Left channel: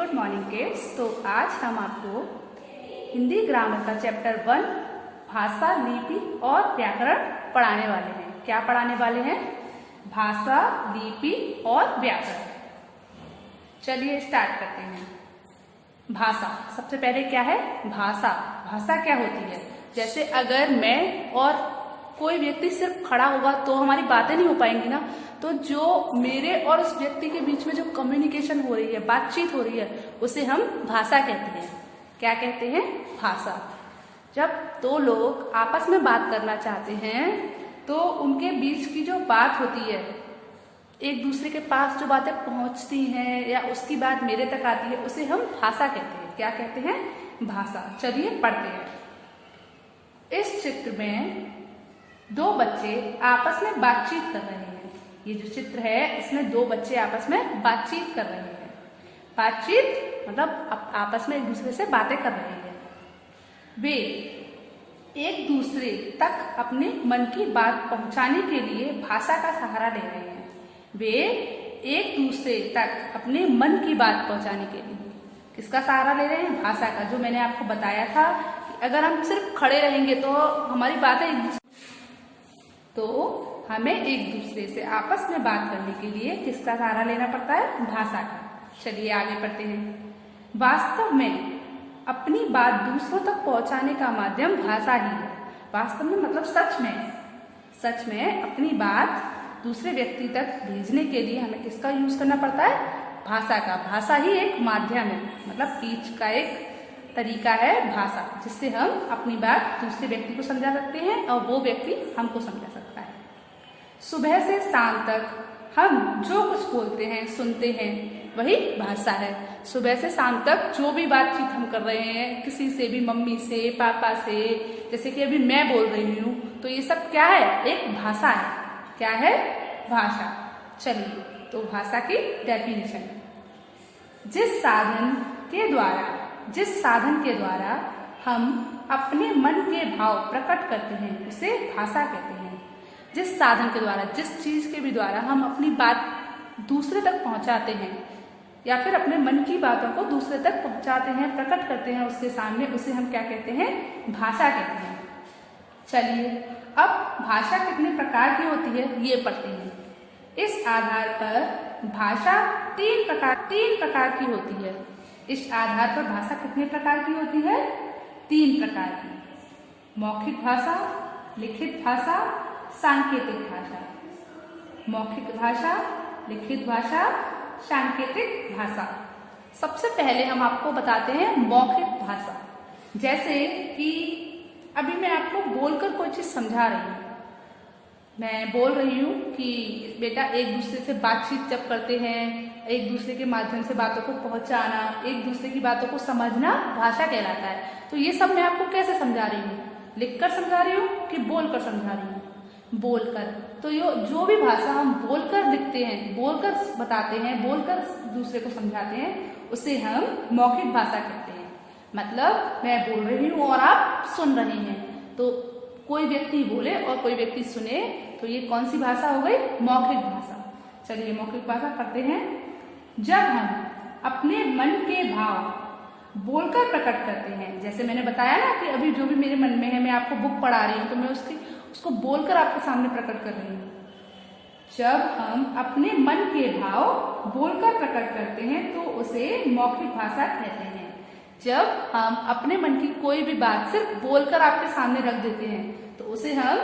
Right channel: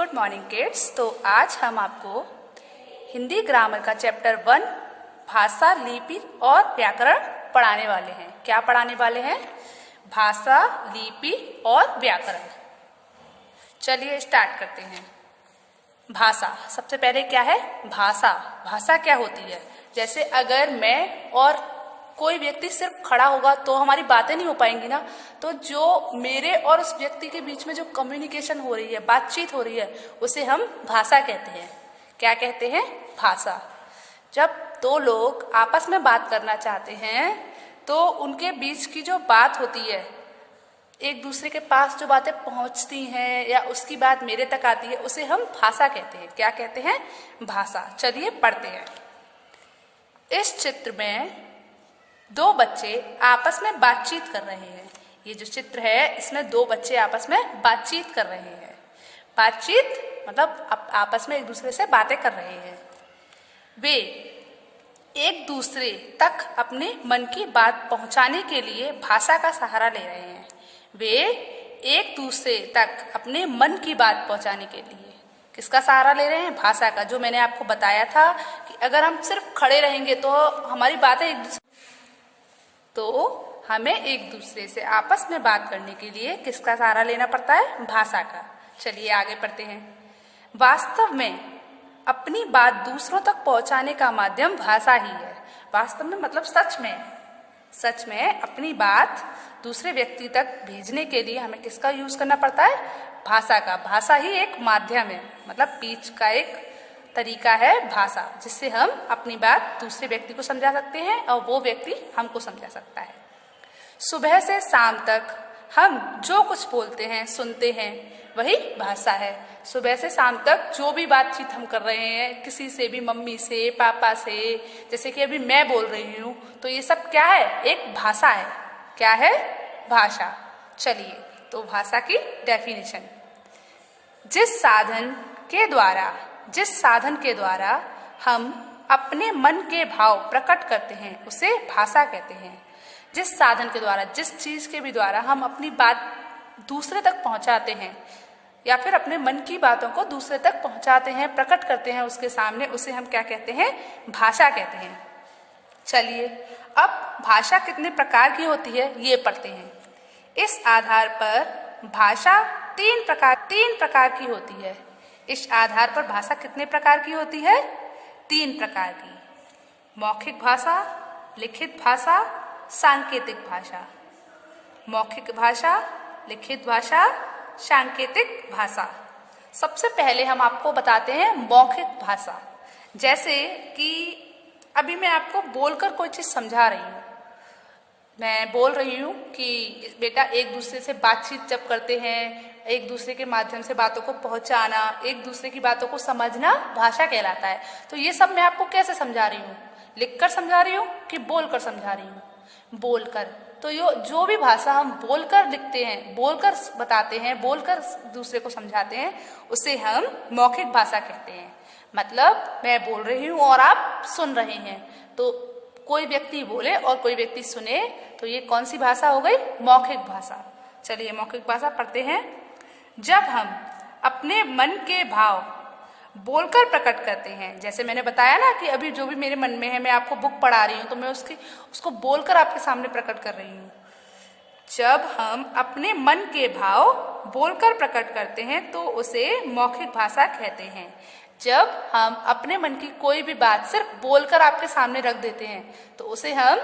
Good morning kids. तो आज हम आपको हिंदी ग्रामर का चैप्टर 1 भाषा, लिपि और व्याकरण पढ़ाने वाले हैं। क्या पढ़ाने वाले हैं? भाषा, लिपि और व्याकरण। चलिए स्टार्ट करते हैं। भाषा, सबसे पहले क्या है? भाषा। भाषा क्या होती है? जैसे अगर मैं और कोई व्यक्ति सिर्फ खड़ा होगा तो हमारी बातें नहीं हो पाएंगी ना। तो जो मेरे और उस व्यक्ति के बीच में जो कम्युनिकेशन हो रही है, बातचीत हो रही है, उसे हम भाषा कहते हैं। क्या कहते हैं? भाषा। जब दो लोग आपस में बात करना चाहते हैं तो उनके बीच की जो बात होती है, एक दूसरे के पास जो बातें पहुंचती हैं या उसकी बात मेरे तक आती है, उसे हम भाषा कहते हैं। क्या कहते हैं? भाषा। चलिए पढ़ते हैं। इस चित्र में दो बच्चे आपस में बातचीत कर रहे हैं। ये जो चित्र है इसमें दो बच्चे आपस में बातचीत कर रहे हैं। बातचीत मतलब आपस में एक दूसरे से बातें कर रहे हैं। वे एक दूसरे तक अपने मन की बात पहुंचाने के लिए भाषा का सहारा ले रहे हैं। वे एक दूसरे तक अपने मन की बात पहुंचाने के लिए किसका सहारा ले रहे हैं? भाषा का। जो मैंने आपको बताया था कि अगर हम सिर्फ खड़े रहेंगे तो हमारी बातें तो हमें एक दूसरे से आपस में बात करने के लिए किसका सहारा लेना पड़ता है? भाषा का। चलिए आगे पढ़ते हैं। वास्तव में अपनी बात दूसरों तक पहुंचाने का माध्यम भाषा ही है। वास्तव में मतलब सच में अपनी बात दूसरे व्यक्ति तक भेजने के लिए हमें किसका यूज करना पड़ता है? भाषा का। भाषा ही एक माध्यम है, मतलब बीच का एक तरीका है भाषा, जिससे हम अपनी बात दूसरे व्यक्ति को समझा सकते हैं और वो व्यक्ति हमको समझा सकता है। सुबह से शाम तक हम जो कुछ बोलते हैं, सुनते हैं, वही भाषा है। सुबह से शाम तक जो भी बातचीत हम कर रहे हैं, किसी से भी, मम्मी से, पापा से, जैसे कि अभी मैं बोल रही हूँ, तो ये सब क्या है? एक भाषा है। क्या है? भाषा। चलिए तो भाषा की डेफिनेशन। जिस साधन के द्वारा हम अपने मन के भाव प्रकट करते हैं उसे भाषा कहते हैं। जिस साधन के द्वारा, जिस चीज के भी द्वारा हम अपनी बात दूसरे तक पहुंचाते हैं या फिर अपने मन की बातों को दूसरे तक पहुंचाते हैं, प्रकट करते हैं उसके सामने, उसे हम क्या कहते हैं? भाषा कहते हैं। चलिए अब भाषा कितने प्रकार की होती है ये पढ़ते हैं। इस आधार पर भाषा तीन प्रकार की होती है। इस आधार पर भाषा कितने प्रकार की होती है? 3 प्रकार की। मौखिक भाषा, लिखित भाषा, सांकेतिक भाषा। मौखिक भाषा, लिखित भाषा, सांकेतिक भाषा। सबसे पहले हम आपको बताते हैं मौखिक भाषा। जैसे कि अभी मैं आपको बोलकर कोई चीज समझा रही हूँ। मैं बोल रही हूँ कि बेटा एक दूसरे से बातचीत जब करते हैं, एक दूसरे के माध्यम से बातों को पहुंचाना, एक दूसरे की बातों को समझना भाषा कहलाता है। तो ये सब मैं आपको कैसे समझा रही हूँ? लिखकर समझा रही हूँ कि बोलकर समझा रही हूँ? बोलकर। तो जो भी भाषा हम बोलकर लिखते हैं, बोलकर बताते हैं, बोलकर दूसरे को समझाते हैं, उसे हम मौखिक भाषा कहते हैं। मतलब मैं बोल रही हूँ और आप सुन रहे हैं, तो कोई व्यक्ति बोले और कोई व्यक्ति सुने, तो ये कौन सी भाषा हो गई? मौखिक भाषा। चलिए मौखिक भाषा पढ़ते हैं। जब हम अपने मन के भाव बोलकर प्रकट करते हैं, जैसे मैंने बताया ना कि अभी जो भी मेरे मन में है, मैं आपको बुक पढ़ा रही हूँ तो मैं उसको बोलकर आपके सामने प्रकट कर रही हूँ। जब हम अपने मन के भाव बोलकर प्रकट करते हैं तो उसे मौखिक भाषा कहते हैं। जब हम अपने मन की कोई भी बात सिर्फ बोलकर आपके सामने रख देते हैं तो उसे हम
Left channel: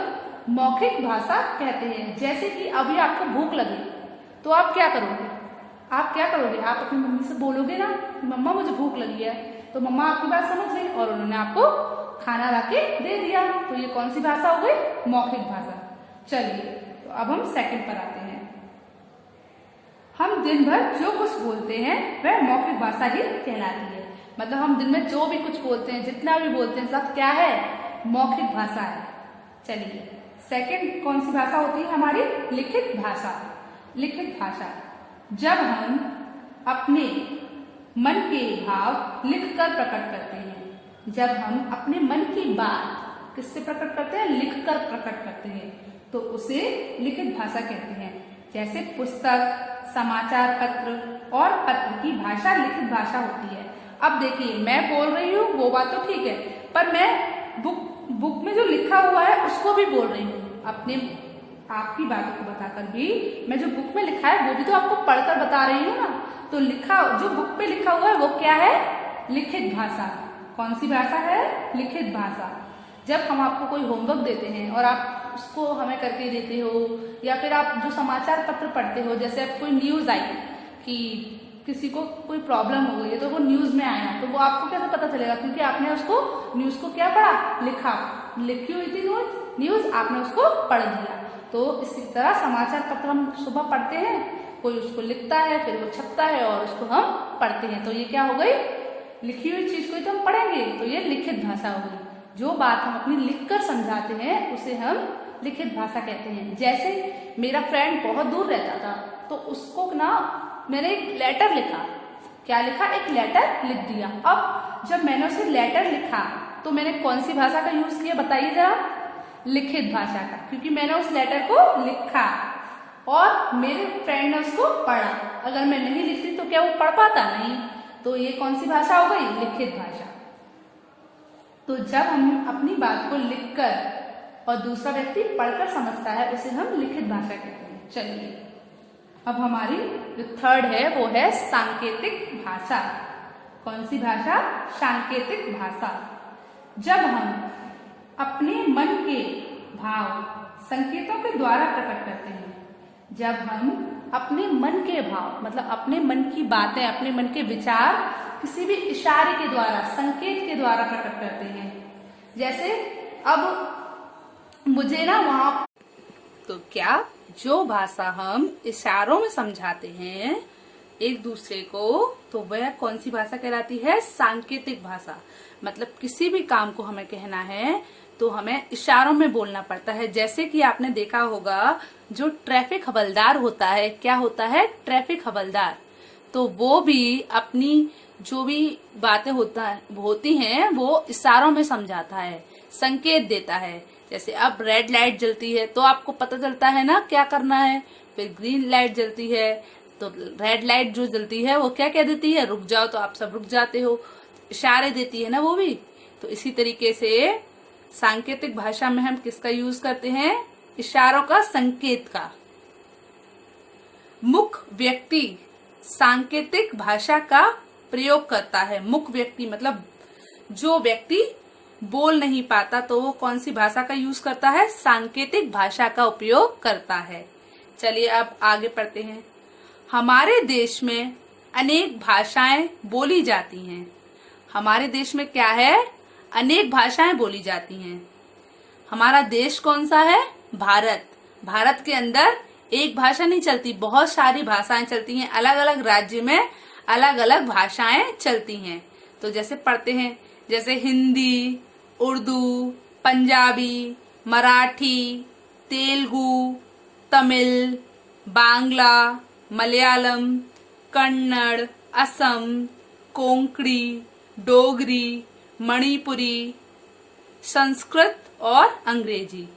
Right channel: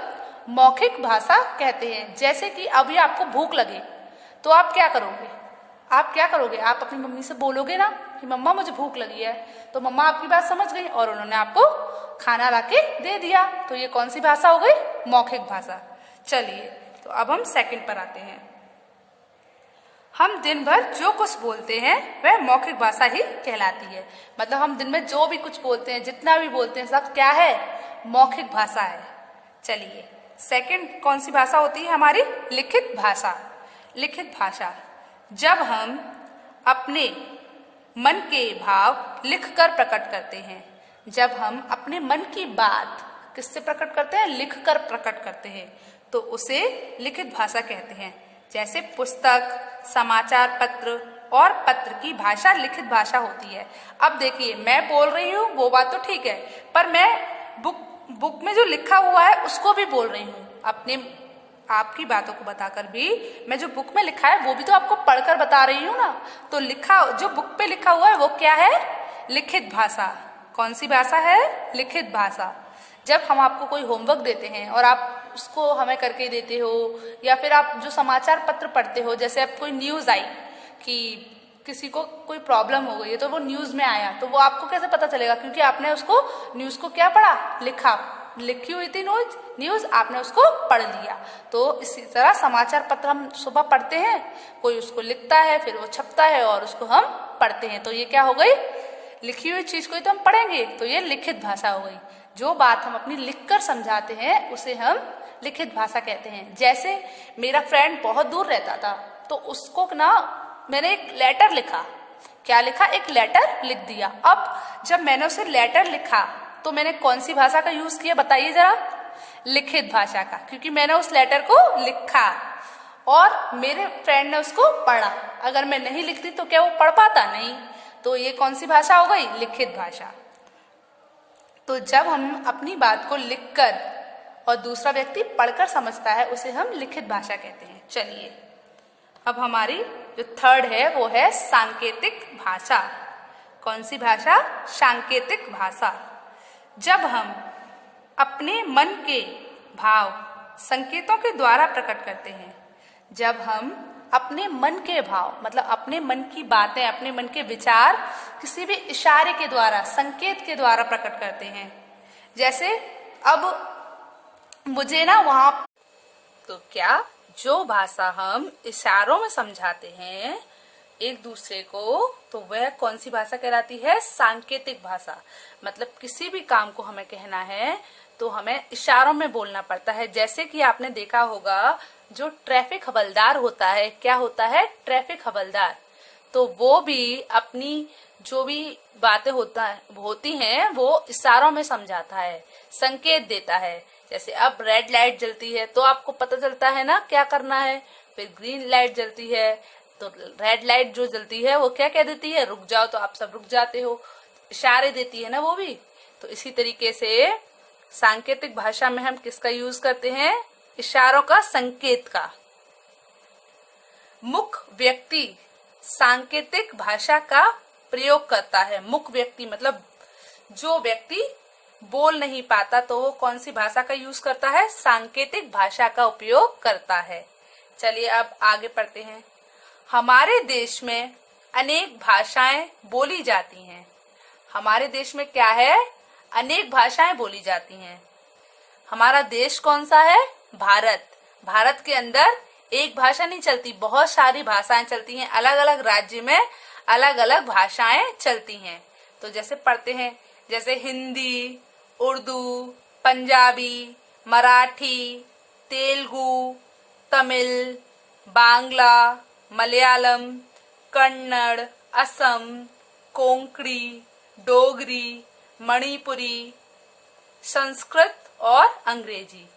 मौखिक भाषा कहते हैं। जैसे कि अभी आपको भूख लगे तो आप क्या करोगे? आप अपनी मम्मी से बोलोगे ना कि मम्मा मुझे भूख लगी है, तो मम्मा आपकी बात समझ गई और उन्होंने आपको खाना लाके दे दिया। तो ये कौन सी भाषा हो गई? मौखिक भाषा। चलिए तो अब हम सेकंड पर आते हैं। हम दिन भर जो कुछ बोलते हैं वह मौखिक भाषा ही कहलाती है। मतलब हम दिन में जो भी कुछ बोलते हैं, जितना भी बोलते हैं, सब क्या है? मौखिक भाषा है। चलिए सेकंड कौन सी भाषा होती है हमारी? लिखित भाषा। लिखित भाषा। जब हम अपने मन के भाव लिखकर प्रकट करते हैं, जब हम अपने मन की बात किससे प्रकट करते हैं? लिखकर प्रकट करते हैं, तो उसे लिखित भाषा कहते हैं। जैसे पुस्तक, समाचार पत्र और पत्र की भाषा लिखित भाषा होती है। अब देखिए, मैं बोल रही हूँ वो बात तो ठीक है, पर मैं बुक में जो लिखा हुआ है उसको भी बोल रही हूँ। अपने आपकी बातों को बताकर भी मैं जो बुक में लिखा है वो भी तो आपको पढ़कर बता रही हूँ ना। तो लिखा जो बुक पे लिखा हुआ है वो क्या है? लिखित भाषा। कौन सी भाषा है? लिखित भाषा। जब हम आपको कोई होमवर्क देते हैं और आप उसको हमें करके देते हो, या फिर आप जो समाचार पत्र पढ़ते हो, जैसे अब कोई न्यूज़ आई कि किसी को कोई प्रॉब्लम हो गई है तो वो न्यूज़ में आया, तो वो आपको कैसे पता चलेगा? क्योंकि आपने उसको न्यूज़ को क्या पढ़ा? लिखी हुई थी न्यूज़, आपने उसको पढ़ लिया। तो इसी तरह समाचार पत्र हम सुबह पढ़ते हैं, कोई उसको लिखता है, फिर वो छपता है और उसको हम पढ़ते हैं। तो ये क्या हो गई? लिखी हुई चीज़ को ही तो हम पढ़ेंगे, तो ये लिखित भाषा हो गई। जो बात हम अपनी लिखकर समझाते हैं उसे हम लिखित भाषा कहते हैं। जैसे मेरा फ्रेंड बहुत दूर रहता था, तो उसको ना मैंने एक लेटर लिखा। क्या लिखा? एक लेटर लिख दिया। अब जब मैंने उसे लेटर लिखा तो मैंने कौन सी भाषा का यूज किया बताइए जरा? लिखित भाषा का, क्योंकि मैंने उस लेटर को लिखा और मेरे फ्रेंड ने उसको पढ़ा। अगर मैं नहीं लिखती तो क्या वो पढ़ पाता? नहीं। तो ये कौन सी भाषा हो गई? लिखित भाषा। तो जब हम अपनी बात को लिखकर और दूसरा व्यक्ति पढ़कर समझता है उसे हम लिखित भाषा कहते हैं। चलिए, अब हमारी जो थर्ड है वो है सांकेतिक भाषा। कौन सी भाषा? सांकेतिक भाषा। जब हम अपने मन के भाव संकेतों के द्वारा प्रकट करते हैं, जब हम अपने मन के भाव मतलब अपने मन की बातें, अपने मन के विचार किसी भी इशारे के द्वारा, संकेत के द्वारा प्रकट करते हैं। जैसे अब मुझे ना वहां, तो क्या जो भाषा हम इशारों में समझाते हैं एक दूसरे को, तो वह कौन सी भाषा कहलाती है? सांकेतिक भाषा। मतलब किसी भी काम को हमें कहना है तो हमें इशारों में बोलना पड़ता है। जैसे कि आपने देखा होगा जो ट्रैफिक हवलदार होता है, क्या होता है? ट्रैफिक हवलदार। तो वो भी अपनी जो भी बातें होती हैं वो इशारों में समझाता है, संकेत देता है। जैसे अब रेड लाइट जलती है तो आपको पता चलता है ना क्या करना है। फिर ग्रीन लाइट जलती है तो रेड लाइट जो जलती है वो क्या कह देती है? रुक जाओ, तो आप सब रुक जाते हो। इशारे देती है ना वो भी। तो इसी तरीके से सांकेतिक भाषा में हम किसका यूज करते हैं? इशारों का, संकेत का। मुख व्यक्ति सांकेतिक भाषा का प्रयोग करता है। मुख व्यक्ति मतलब जो व्यक्ति बोल नहीं पाता तो वो कौन सी भाषा का यूज करता है? सांकेतिक भाषा का उपयोग करता है। चलिए अब आगे पढ़ते हैं। हमारे देश में अनेक भाषाएं बोली जाती हैं। हमारे देश में क्या है? अनेक भाषाएं बोली जाती हैं। हमारा देश कौन सा है? भारत। भारत के अंदर एक भाषा नहीं चलती, बहुत सारी भाषाएं चलती हैं। अलग अलग राज्य में अलग अलग भाषाएं चलती हैं। तो जैसे पढ़ते हैं, जैसे हिंदी, उर्दू, पंजाबी, मराठी, तेलुगु, तमिल, बांग्ला, मलयालम, कन्नड़, असम, कोंकणी, डोगरी, मणिपुरी, संस्कृत और अंग्रेजी।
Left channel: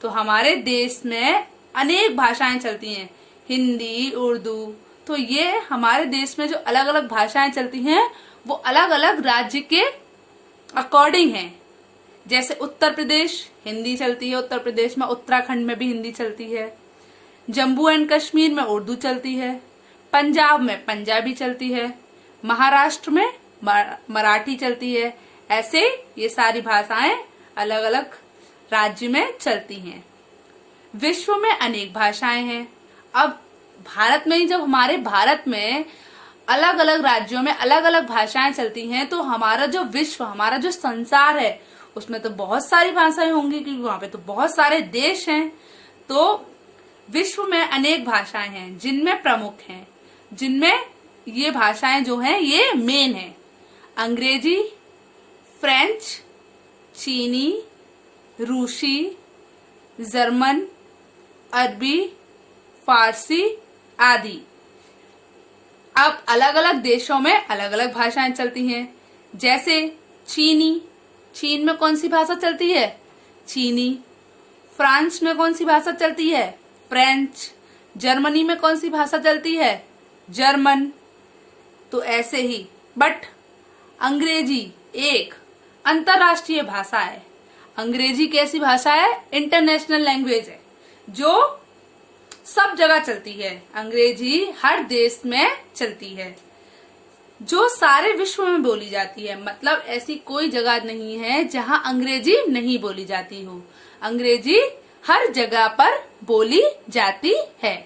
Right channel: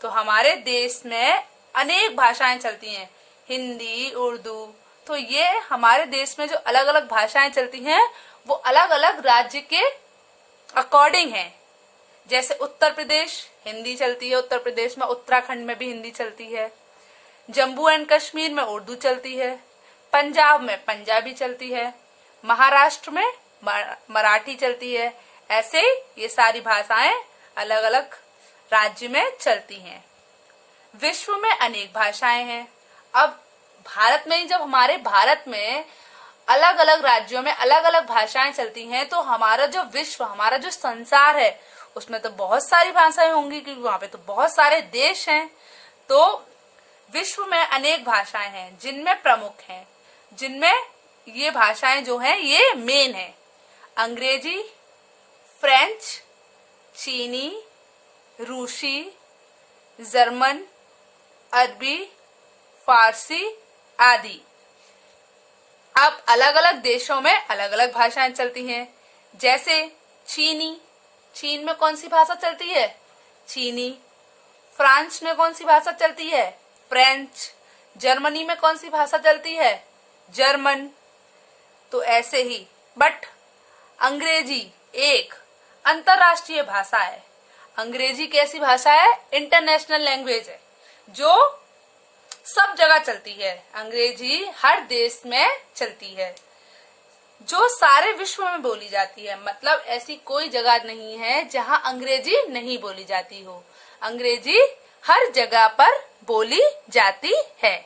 तो हमारे देश में अनेक भाषाएं चलती हैं, हिंदी, उर्दू। तो ये हमारे देश में जो अलग अलग भाषाएं चलती हैं वो अलग अलग राज्य के अकॉर्डिंग हैं। जैसे उत्तर प्रदेश हिंदी चलती है, उत्तर प्रदेश में, उत्तराखंड में भी हिंदी चलती है। जम्मू एंड कश्मीर में उर्दू चलती है। पंजाब में पंजाबी चलती है। महाराष्ट्र में मराठी चलती है। ऐसे ये सारी भाषाएं अलग अलग राज्य में चलती हैं। विश्व में अनेक भाषाएं हैं। अब भारत में ही, जब हमारे भारत में अलग अलग राज्यों में अलग अलग भाषाएं चलती हैं, तो हमारा जो विश्व, हमारा जो संसार है, उसमें तो बहुत सारी भाषाएं होंगी क्योंकि वहां पे तो बहुत सारे देश हैं। तो विश्व में अनेक भाषाएं हैं जिनमें प्रमुख हैं, जिनमें ये भाषाएं जो हैं ये मेन है। अंग्रेजी, फ्रेंच, चीनी, रूसी, जर्मन, अरबी, फारसी आदि। अब अलग अलग देशों में अलग अलग भाषाएं चलती हैं। जैसे चीनी, चीन में कौन सी भाषा चलती है? चीनी। फ्रांस में कौन सी भाषा चलती है? फ्रेंच। जर्मनी में कौन सी भाषा चलती है? जर्मन। तो ऐसे ही बट अंग्रेजी एक अंतरराष्ट्रीय भाषा है। अंग्रेजी कैसी भाषा है? इंटरनेशनल लैंग्वेज है जो सब जगह चलती है। अंग्रेजी हर देश में चलती है, जो सारे विश्व में बोली जाती है। मतलब ऐसी कोई जगह नहीं है जहां अंग्रेजी नहीं बोली जाती हो। अंग्रेजी हर जगह पर बोली जाती है।